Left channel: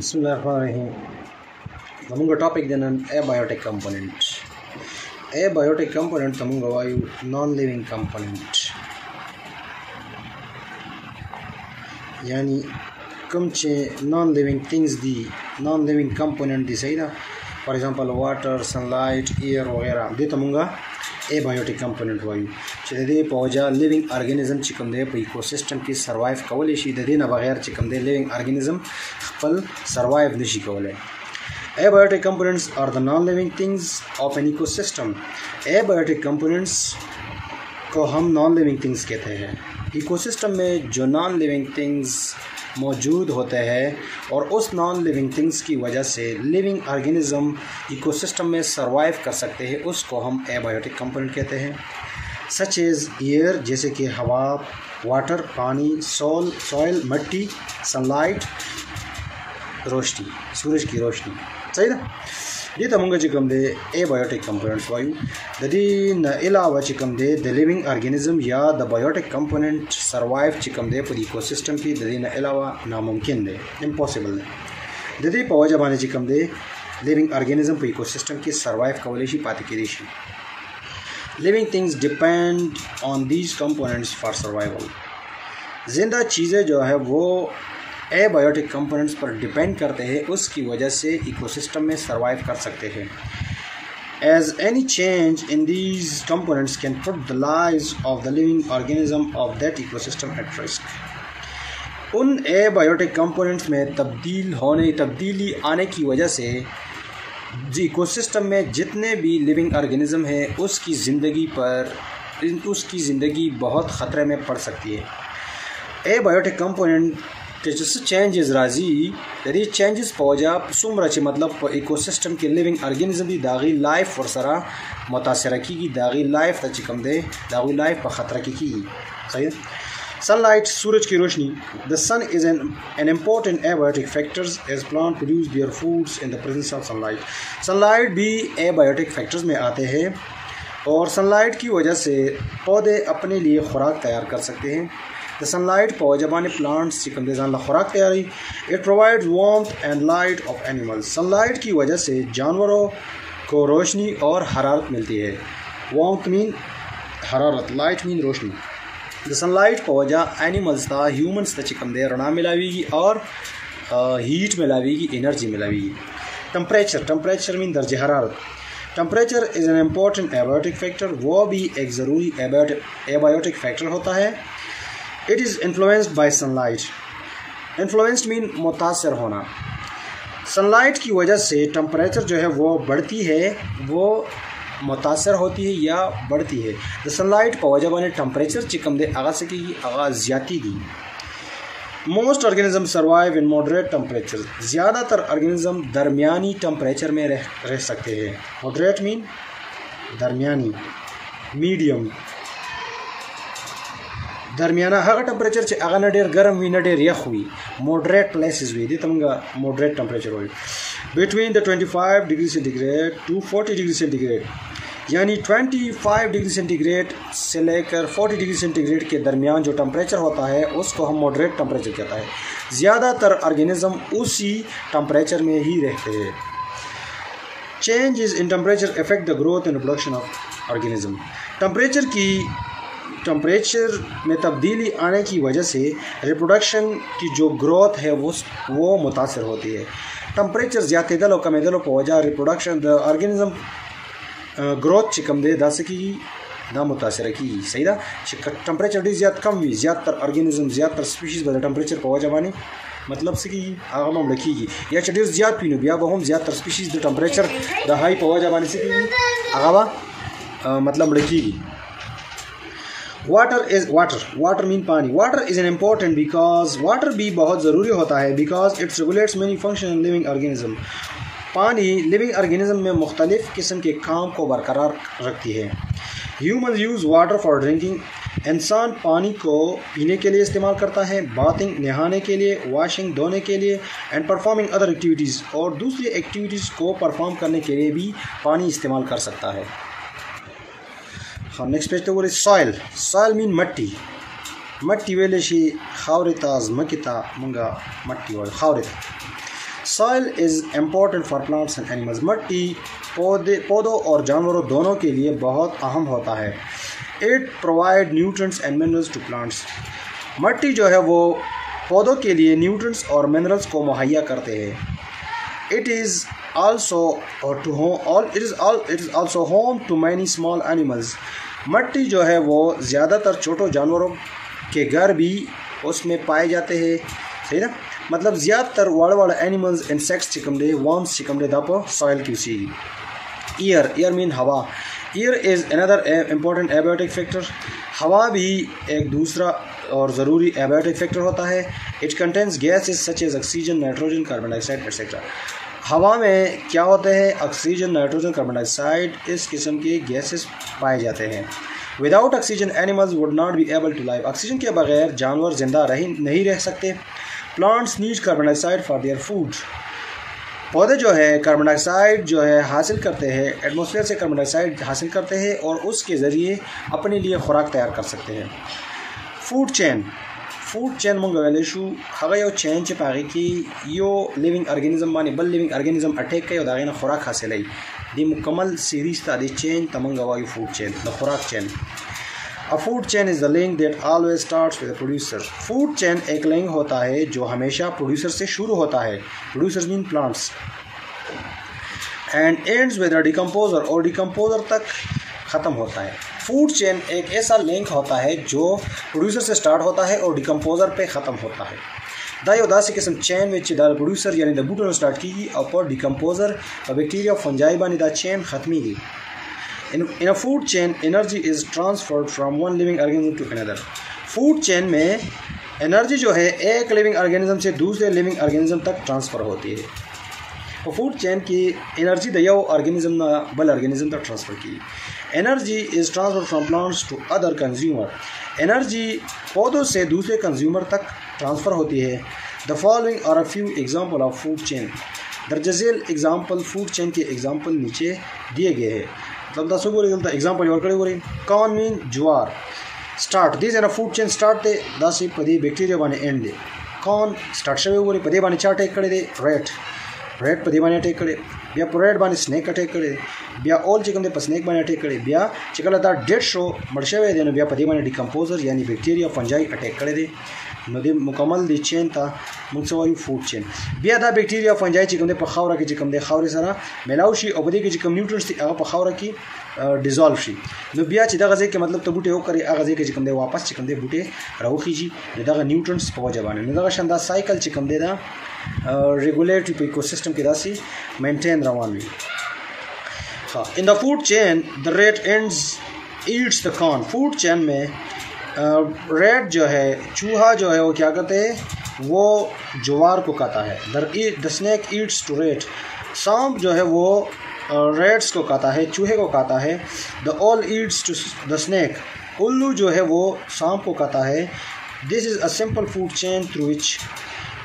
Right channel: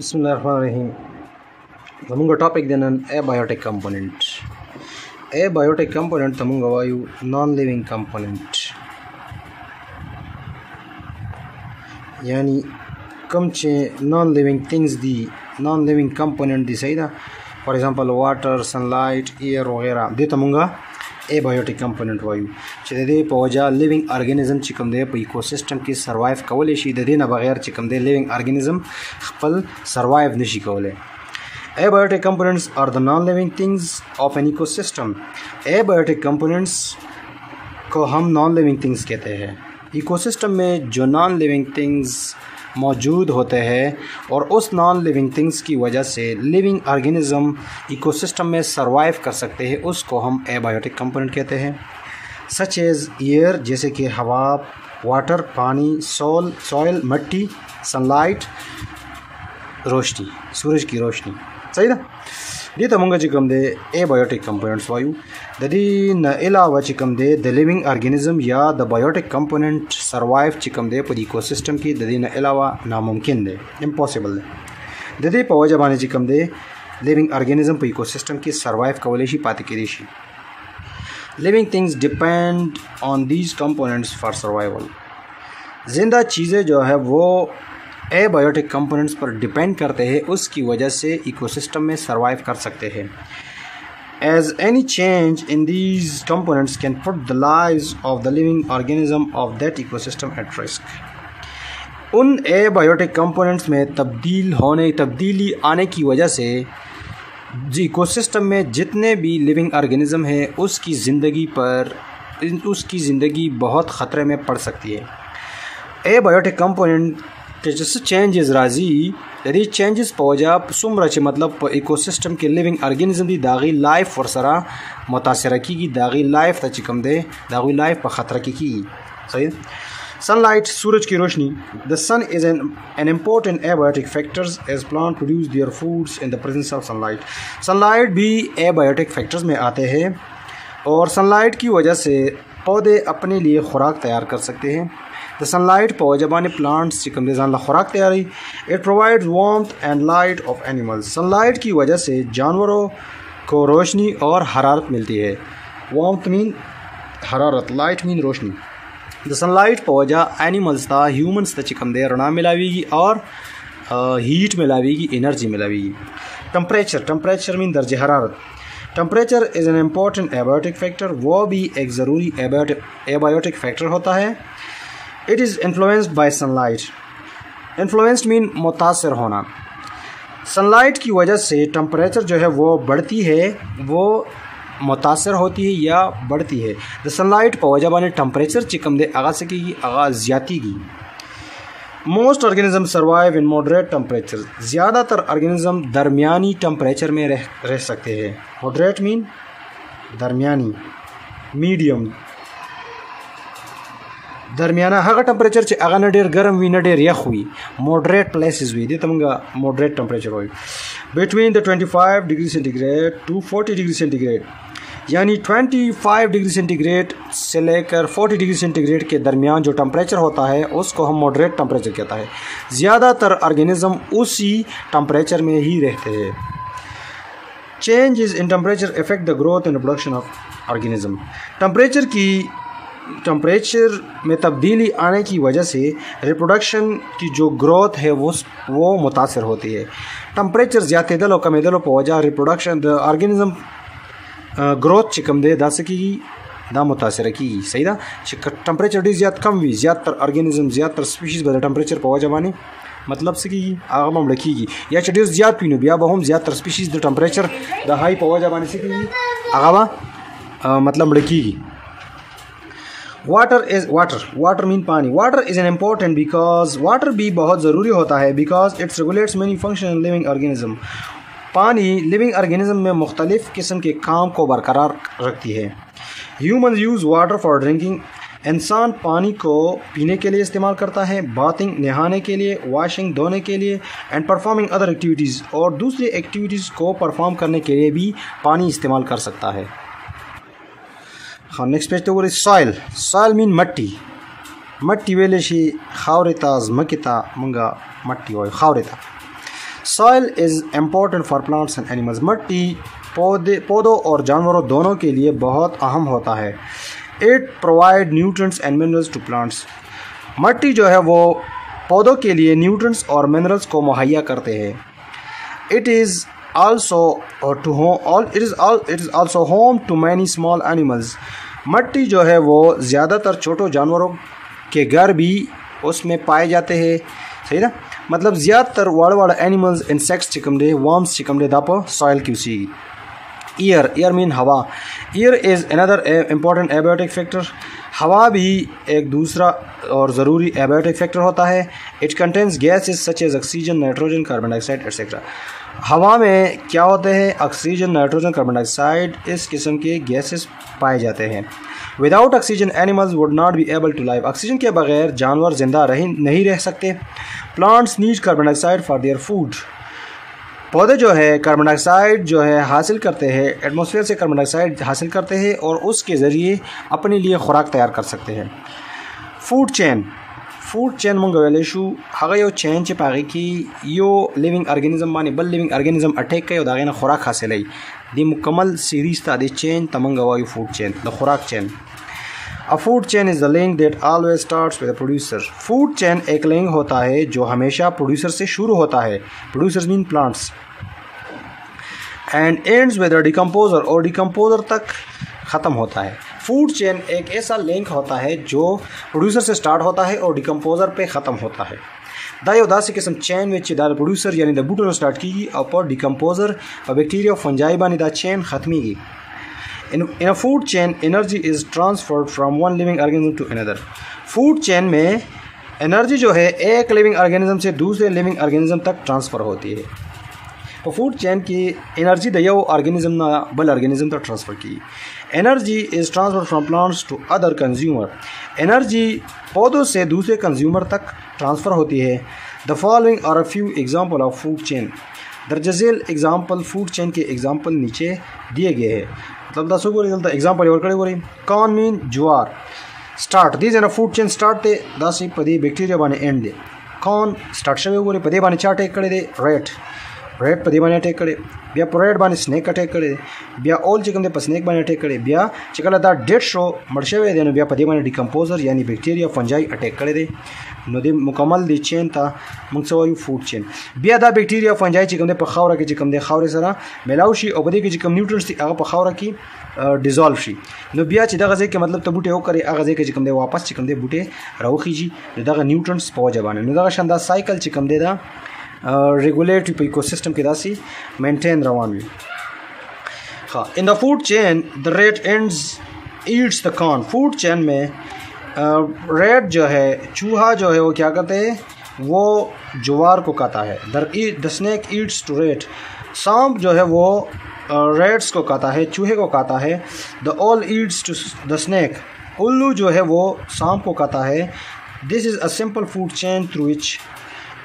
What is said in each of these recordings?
Bismillahirrahmanirrahim. Tamunga topic then an abiotic component. Abiotic component tamunga vayu non-living component. Yani come non-living things the non-living component the saida. For example, water, sunlight, air वगैरह दे तमुंगा abiotic component वायु चले पौजा living organism चिकम दे ecosystem की survive Kavle she they ना बगैर चिकम दे living organism खपल survive नशी कवले. Abiotic components are the non-living things of an ecosystem. Abiotic components को हम non-living things कहते हैं. इकोसिस्टम में जो non-living things मौजूद होते हैं और उस नॉन लिविंग थिंग्स की वजह से लिविंग ऑर्गेनिज्म इकोसिस्टम में सरवाइव कर सकते हैं, उसको हम एबायोटिक कंपोनेंट कहते हैं. सच एज एयर जैसे कि हवा, वाटर पानी, सॉइल मिट्टी, सनलाइट रोशनी, सूरज की रोशनी. सही ना. दी तमुंगा चिकम दे एबायोटिक कंपोनेंट्स वायु ददी न अलावा चिकम दे द लिविंग ऑर्गेनिज्म या द बायोटिक कंपोनेंट सरवाइव चिकम दे पर इकोसिस्टम की ददी न अलावा नामुमकिन दे, इम्पॉसिबल दे. ददी पवा जबाने चिकम दे लिविंग ऑर्गेनिज्म पर इकोसिस्टम की सरवाइव कवलेशी पाती करेशी. Living things depend on these components for survival. जिंदा चीज़ें जो है वो एबायोटिक कंपोनेंट्स पर डिपेंड करते हैं, उसकी वजह से इकोसिस्टम में सरवाइव कर सकते हैं. As any change in these components can put the lives of the living organism of that ecosystem at risk. उन एबायोटिक कंपोनेंट्स में तब्दीली आने की वजह से इकोसिस्टम में जितने भी लिविंग ऑर्गेनिज्म है उसकी ज़िंदगी बहुत ख़तरे में पड़ सकती है. एबायोटिक कंपोनेंट के जैसे चेंजेस राजी यदि चेंजेस पहुँचा सुमरा चे मतलब इकोसिस्टम के लिविंग ऑर्गेनिज्म दी दागी लाइफ और सरा मुतासर की दागी लाइफ तक कम दे दागी लाइफ पर ख़तरा की. सही. सनलाइट सूरज की रोशनी. The sun is an important abiotic factors as plant produce their foods in the presence of sunlight. Sunlight भी एबायोटिक फैक्टर्स में आते हैं और सनलाइट की वजह से पौधे अपने लिए खुराक तैयार कर सकते हैं. The sunlight पौजबाने प्लांट्स चिकम देजान ला खुराक तैयारी. It provides warmth and light of animals. Sunlight की वजह से जानवरों को रोशनी और हरारत मिलती है. Warmth मीन हरारत, light मीन रोशनी. The sunlight पौजा एनिमल्स था ह्यूमंस था चिकम दे रना मिलावेगी और हीट मिलावेगी, एनर्जी मिलावेगी. टेम्परेचर मीन दर्जे हरारत. Temperature is an important abiotic factor. वो भी एक ज़रूरी एबायोटिक फैक्टर होता है. It is influenced by sunlight. Influenced mean मुतासर होना. सनलाइट की वजह से टेम्परेचर जो है वो बढ़ती है, वो मुतासर होती है या बढ़ती है. द सनलाइट पौजबाने टेम्परेचर चिकम दे आगा से की आगाज ज्यादा की. Most organism survive in moderate temperature. ज़्यादातर ऑर्गेनिज्म दरमियानी टेम्परेचर में रह सकते हैं. मॉडरेट मीन दरमियानी, मीडियम, दरमियाना. हगा टेम्परेचर चे आगा न डेर गर्म हुई न डेर यख हुई, मॉडरेट प्लेसेस हुई. तमंगा मॉडरेट टेम्परेचर हुई between the 25 degree centigrade to 40 degree centigrade. यानी 25 डिग्री सेंटीग्रेड से लेकर 40 डिग्री सेंटीग्रेड के दरमियान जो टेम्परेचर होता है उसको हम मॉडरेट टेम्परेचर कहता है. ज़्यादातर ऑर्गेनिज्म उसी टेम्परेचर में ही रहते हैं. Changes in temperature affect the growth and reproduction of organism. Temperature में तब्दीली आने की वजह से रिप्रोडक्शन की जो ग्रोथ है वो मुतासर होती है. टेम्परेचर ज़्यादा दलो कम दलो पहुँचा रिप्रोडक्शन द ऑर्गेनिज्म ग्रोथ चिकम दे दा सकी दा मुतासर की. सही ना. टेम्परेचर डी ज़्यादा कम हुई ज़्यादातर ऑर्गेनिज्म ज़्यादातर स्पीशीज़ बदल टेम्परेचर पहुँचा माने मतलब सकी आगा मम रखीगी या चढ़ी ज़्यादा पीनो बिया बहुम ज़्यादातर species the temperature the high पहुँचा माने सकी आगा मतलब रखीगी. वाटर मीन पानी. Water is an important because water भी बहुत ज़रूरी होता है because it's regulates many function in living organism. पानी लिविंग ऑर्गेनिज्म में मुख्तलिफ़ किस्म के काम को बरकरार रखती है. Human use water for drinking. इंसान पानी को पीने के लिए इस्तेमाल करता है, बाथिंग नहाने के लिए, वॉशिंग धोने के लिए एंड परफॉर्मिंग अदर एक्टिविटीज़ और दूसरी एक्टिविटीज़ को परफॉर्म करने के लिए भी पानी इस्तेमाल कर सकता है. हाँ, नेक्स्ट पेज तो सॉइल. सॉइल मीन मट्टी. मट्टी वेले शी खावरेता ज़मकिता मंगा मट्टी वाय खावरेता. Soil is important for plants and animals. मट्टी पौधों और जानवरों दोनों के लिए बहुत अहम होता है। It provide nutrients and minerals to plants. मट्टी जो है वो पौधों के लिए न्यूट्रिएंट्स और मिनरल्स को मुहैया करते हैं। It is also home to many small animals. मट्टी जो है वो ज़्यादातर छोटे जानवरों के घर भी उसमें पाए जाते हैं। सही ना, मतलब ज़्यादातर वाड़ एनिमल्स इंसेक्ट्स चिकमदे वर्म्स चिकमदे दापो सॉइल क्यूसी। एयर मीन हवा। Air is another important abiotic factor. हवा भी एक दूसरा और ज़रूरी एबायोटिक फैक्टर होता है। It contains gases such as oxygen, nitrogen, carbon dioxide etcetera. हवा में क्या होते हैं? ऑक्सीजन, नाइट्रोजन, कार्बन डाइऑक्साइड, इस किस्म के गैसेस पाए जाते हैं। Without oxygen animals would not be able to live. Oxygen के बगैर जानवर जिंदा नहीं रह सकते। Plants need carbon dioxide for their food. पौधे जो है कार्बन डाइऑक्साइड जो है हासिल करते हैं, एटमॉस्फेयर से कार्बन डाइऑक्साइड हासिल करते हैं और उसके ज़रिए अपने लिए खुराक तैयार कर सकते हैं। फूड चेन मंग वेलेशु हगा यो चेन चे पागे की यो लिविंग ऑर्गेनिज्म बानी बल लिविंग ऑर्गेनिज्म अटैक करे दागे ना खुराक हासिल है। दी मुकम्मल सीरीज ता दी चेन तमंग वायु फूड चेन द खुराक chain. A food chain is the link that always starts with a producer. Food chain एक लिंक होता है जो हमेशा प्रोड्यूसर से शुरू होता है। Producers mean plants and ends with a decomposer और डिकम्पोजर तक ख़त्म होता है। फूड चेन एक ऐसा लिंक होता है जो प्रोड्यूसर से स्टार्ट होता है और डिकम्पोजर पे ख़त्म होता है। दायो दासी किस्म चेन में दाल प्रोड्यूसर यानी द बूटों स्टार्ट की और डिकम्पोजर और बैक्टीरिया फंजाई बानी दा चेन ख़त्मी की। In a food chain, energy is transferred from one living organism to another. Food chain में एनर्जी जो है एक लिविंग ऑर्गेनिज्म से दूसरे लिविंग ऑर्गेनिज्म तक ट्रांसफ़र होती है। तो फूड चेन की एनर्जी दिया वो ऑर्गेनिज्म ना बल ऑर्गेनिज्म तक ट्रांसफ़र की। Energy is transfer from plants to other consumer. Energy पौधों से दूसरे कंज्यूमर तक ट्रांसफ़र होती है। The following are a few example of food chain. दर्जझेल एग्जाम्पल फूड चेन के एग्जाम्पल नीचे दिए गए हैं। मतलब दसों को रिजल्ट एग्जाम्पल और कड़े हो रही। कॉर्न मीन ज्वार। Start these an food chain start दे दस पदी बैक्टीरिया बाने एंड दे। कॉर्न स्टार्ट शवे हो रही पदे बाने चाट एक कड़े दे। रेड पदी बाने अटैक करे बिया प्रोरेड बाने स्नेक अटैक करे बिया ऑल चिकन दे पर स्नेक बाने अटैक करे बिया चिकन दा डेड शो मर्शवे देने बिया पदी बाने डिकम्पोजर यानी बैक्टीरिया फंजाई अटैक करे दे। नदी मुकम्मल दी चेन था मुंगसवायु फूड चेन। बिया दा बैक्टीरिया फंजाई चिकन दे पर खावरा के चिकन दे खावरे सरा मेलाउशी और बदी के चिकन न्यूट्रिएंट्स थी आगा पर खावरा की डिजॉल्व शी। नो बिया चिदा गजे के मतलब तो बूटे हो करे आगजे के चिकन दे वापस चिकन दे बूटे राउ खींची दा न्यूट्रिएंट्स पाव जबाने न दा शानदार साइकिल चिकन दे दा रेगुलेटरी इकोसिस्टम की दासी मेंटेन रवान भी। हाँ, in the food chain the rate ends eats the corn. Food chain में रेट जो है चूहा जो है वो क्या करते हैं? वो ज्वार को खाता है। The snake Yeats to rate. सांप जो है वो रेट्स को खाता है, चूहे को खाता है। The owl eats to the snake. उल्लू जो है वो सांप को खाता है। This is a simple food chain through which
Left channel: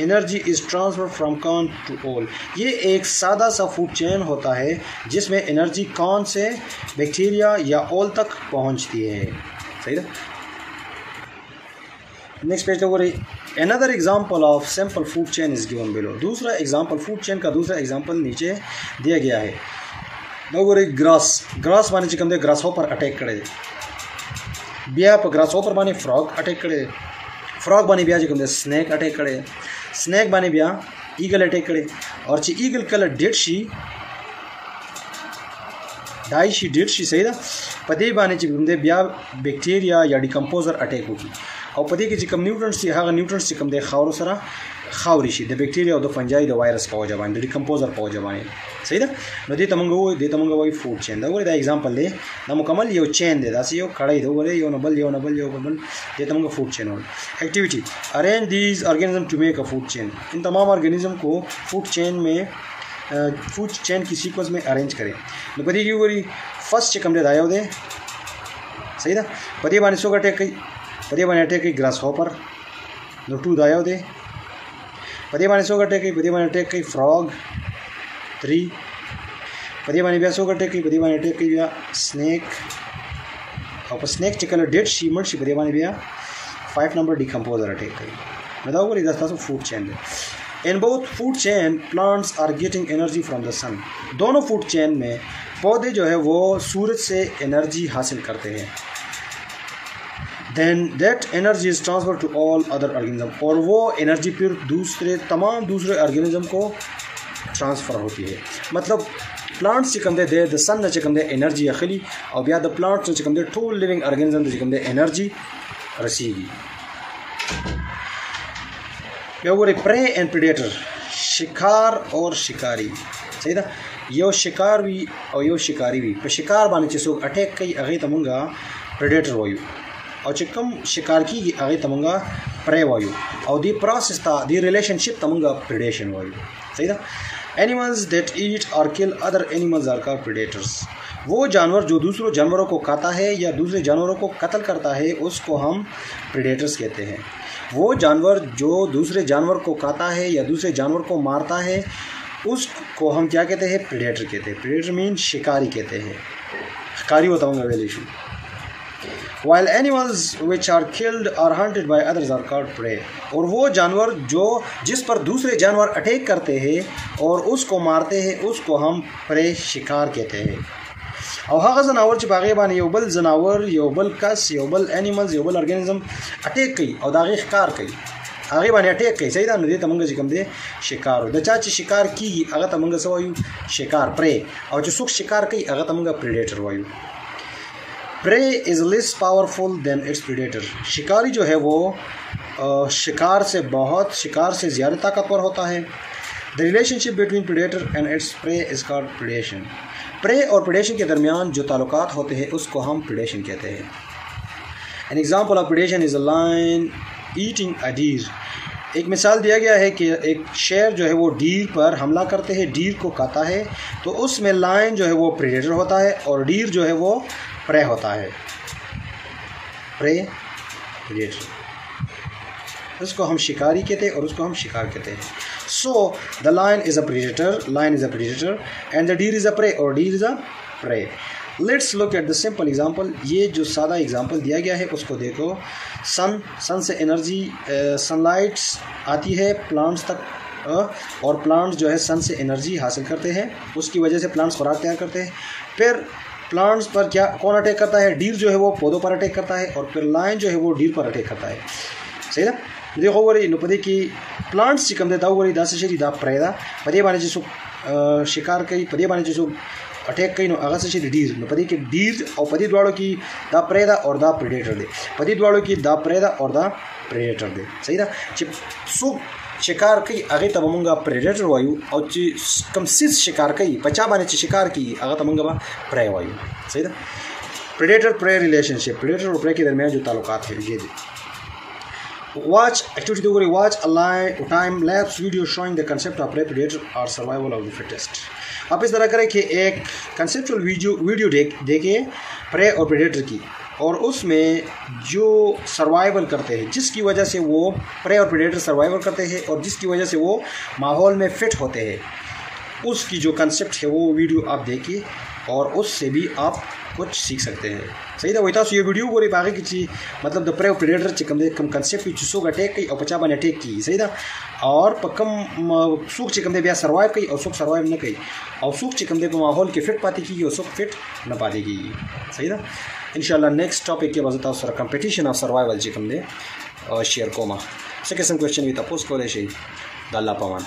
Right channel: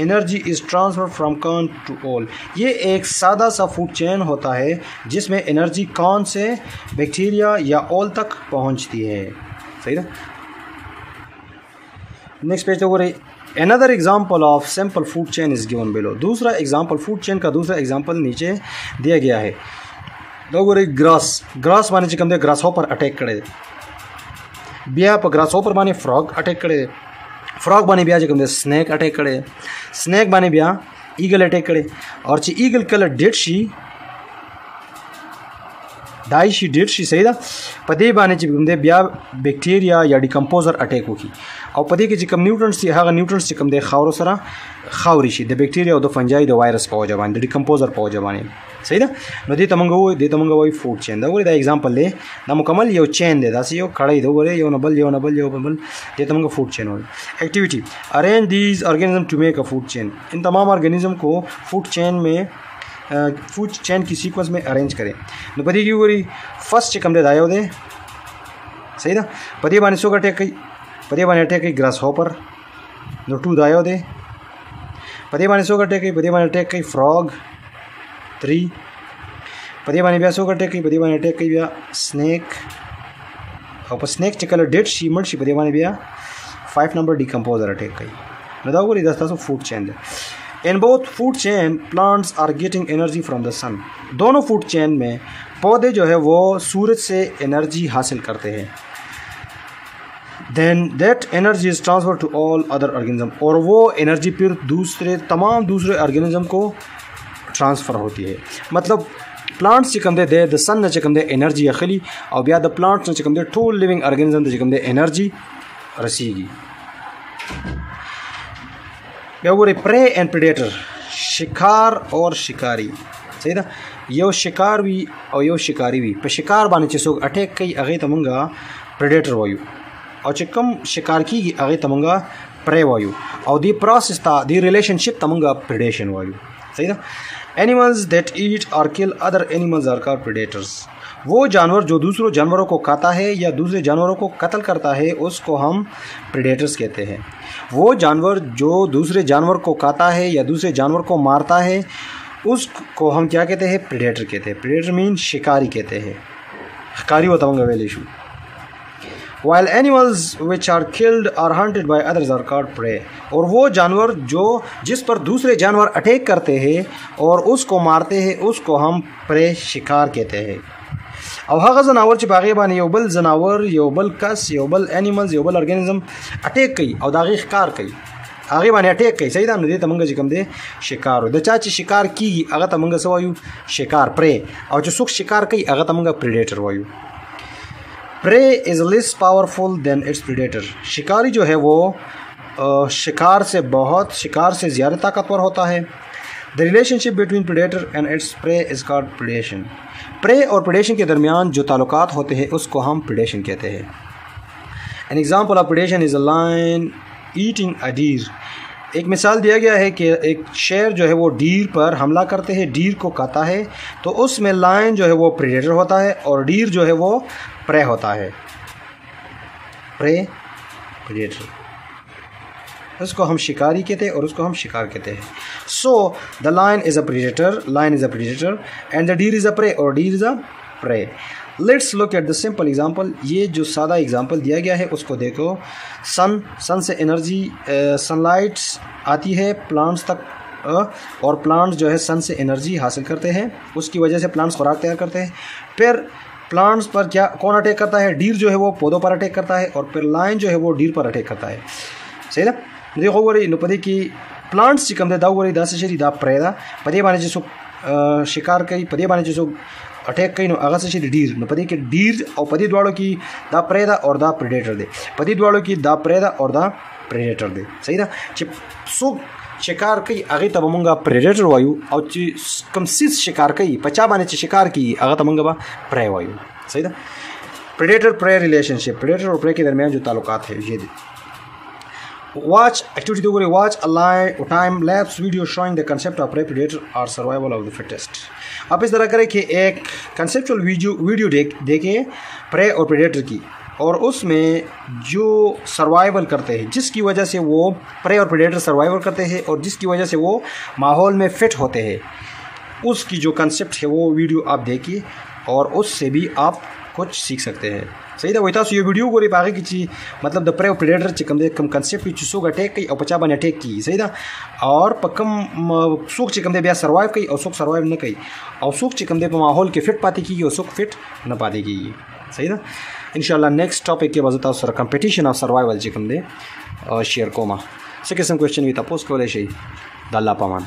energy is transfer from corn to owl. ये एक सादा सा फूड चेन होता है जिसमें एनर्जी कॉर्न से बैक्टीरिया या ऑल तक पहुंचती है। सही ना। नेक्स्ट पेज तो रही another example of simple food chain is given below. दूसरा एग्जाम्पल फूड चेन का दूसरा एग्जाम्पल नीचे दिया गया है। दो ग्रास माने चिकन दे ग्रास होपर अटैक करे बिया पर ग्रास होपर माने फ्रॉग अटैक करे। फ्रॉग बाने बिया चिकन दे स्नेक अटैक करे। स्नेक बाने बिया ईगल अटैक करे और ची ईगल कलर डेड शी डाई शी डेड शी। सही था। पदे बाने चिकन दे बिया बैक्टीरिया या डिकम्पोजर अटैक होगी और पदे के चिकम न्यूट्रिएंट्स थी हाँ न्यूट्रिएंट्स चिकम दे खावरो सरा खावरी शी द बैक्टीरिया और द फंजाई द वायरस पाओ जबानी द डिकम्पोजर पाओ जबानी। सही था। न दे तमंगो वही फूड चेन दो दा एग्जाम्पल ले ना मुकम्मल यो चेन दे दासी यो खड़ाई दो बोले यो नबल दे तमंगो फूड चेन हो। Activity arrange these organism to make a food chain. इन तमाम ऑर्गेनिज्म को फूड चेन की सीक्वेंस में अरेंज करें। न पदी की गोरी फर्स्ट चिकन दे दायो दे। सही था। पदी बाने सो अटैक कई पदे बाने अटैक कई ग्रास हॉपर नो टू दायो दे। पदे बाने सो अटैक कई पदे बाने अटैक कई फ्रॉग 3। पदे बाने बिया सो अटैक कई पदे बाने अटैक कई बिया स्नेक और स्नेक चिकन डेड शी मर्ड शी पदे बाने बिया 5 नंबर डिकम्पोजर अटैक कई बताओ गोरी 10 फूड चेन दे। In both food chain plants are getting energy from the sun. दोनों फूड चेन में पौधे जो है वो सूरज से एनर्जी हासिल करते हैं। Then that energy is transfer to all other organism, और वो एनर्जी फिर तमाम दूसरे ऑर्गेनिज्म को ट्रांसफ़र होती है। मतलब प्लांट्स चिकमदे दे द सन ने चिकमदे एनर्जी अखली और बिया द प्लांट्स ने चिकमदे टोल लिविंग ऑर्गेनिज्म चिकमदे एनर्जी रसीगी। वो प्रे एंड प्रेडेटर, शिकार और शिकारी, सही ना। यो शिकार भी और यो शिकारी भी पे शिकार बाने चिसो अटैक कई अगे तमंगा प्रेडेटर वायु और चिकम शिकार की अगे तमंगा प्रे वायु और दी प्रोसेस था दी रिलेशनशिप तमंगा प्रेडेशन वायु, सही ना। एनिमल्स दैट ईट और kill other animals are called predators. वो जानवर जो दूसरों जानवरों को खाता है या दूसरे जानवरों को कत्ल करता है उसको हम प्रेडेटर्स कहते हैं। वो जानवर जो दूसरे जानवर को खाता है या दूसरे जानवर को मारता है उसको हम क्या कहते हैं? प्रेडेटर कहते हैं। प्रेडेटर मीन शिकारी कहते हैं। शिकारी बताऊँगा well issue. While animals which are killed or hunted by others are called prey। और वो जानवर जो जिस पर दूसरे जानवर अटैक करते हैं और उसको मारते हैं उसको हम प्रे शिकार कहते हैं। और हर जनावर बागे बाने योबल जनावर योबल कस योबल एनिमल्स योबल ऑर्गेनिज्म अटैक कई और दागे शिकार कई आगे बाने अटैक कई, सही ना। दे तमंगा जिकम दे शिकार द चाची शिकार की अगर तमंगा सवायु शिकार प्रे और जो सुख शिकार कई अगर तमंगा प्रेडेटर वायु। Prey is less powerful than its predator. शिकारी जो है वो शिकार से ज़्यादा ताकतवर होता है। The relationship between predator and its prey is called predation. Prey और प्रेडेशन के दरमियान जो ताल्लुकात होते हैं उसको हम प्रेडेशन कहते हैं। An example of predation is a lion eating a deer. एक मिसाल दिया गया है कि एक शेर जो है वो डीर पर हमला करते हैं, डीर को खाता है, तो उसमें लायन जो है वो प्रेडेटर होता है और डीर जो है वो प्रे होता है। प्रे प्रेडेटर, उसको हम शिकारी कहते हैं और उसको हम शिकार कहते हैं। So the lion is a predator and the deer is a prey और deer is a prey. Let's look at the simple example. ये जो सादा एग्जांपल दिया गया है उसको देखो। सन से एनर्जी सनलाइट आती है प्लांट्स तक और प्लांट्स जो है सन से एनर्जी हासिल करते हैं, उसकी वजह से प्लांट्स खुराक तैयार करते हैं। फिर प्लांट्स पर क्या कौन अटैक करता है? डीर जो है वो पौधों पर अटैक करता है और फिर लायन जो है वो डीर पर अटैक करता है, सही ना। देखो वरी नुपदे की प्लांट्स चिकम दे दावरी दास शरी दा प्रेदा पदे बाने जिसो शिकार कई पदे बाने जिसो अटैक कई नो अगस शरी डीर न पदे के डीर और पदे द्वाड़ों की दा प्रेदा और दा प्रेडेटर दे, पदे द्वाड़ों की दा प्रेदा और दा प्रेडेटर दे, सही ना। सो शिकार कई आगे तब मंगा प्रेडेटर वायु और कम सिस शिकार कई पचा बाने शिकार की आगे तब मंगा प्रे वायु, सही ना। प्रेडेटर प्रे रिलेशनशिप, प्रेडेटर और प्रे के दरमियान जो ताल्लुकात है ये watch activity to watch a live time lapse video showing the concept of prey predator or survival of the fittest। आप इस तरह करें कि एक कंसेप्चुअल वीडियो देखें प्रे और प्रेडेटर की और उसमें जो सर्वाइवल करते हैं, जिसकी वजह से वो प्रे और प्रेडेटर सर्वाइवल करते हैं और जिसकी वजह से वो माहौल में फिट होते हैं, उसकी जो कंसेप्ट है वो वीडियो आप देखिए और उससे भी आप कुछ सीख सकते हैं, सही था। वही था ये वीडियो को आगे की चीज मतलब the prey predator come concept की सुख अटैक की और पचा बन अटैक की, सही था। और पक्कम सुख चिकम दे ब्याह सर्वाइव की और सुख सर्वाइव न कही और सुख चिकम दे माहौल के फिट पाती की और सुख फिट न पाती की, सही था। इंशाल्लाह नेक्स्ट टॉपिक के वजह सर कंपटीशन ऑफ सर्वाइवल चिकम दे शेयर कोमा से किस्म क्वेश्चन भी तपोस को ले दाल्ला पामान।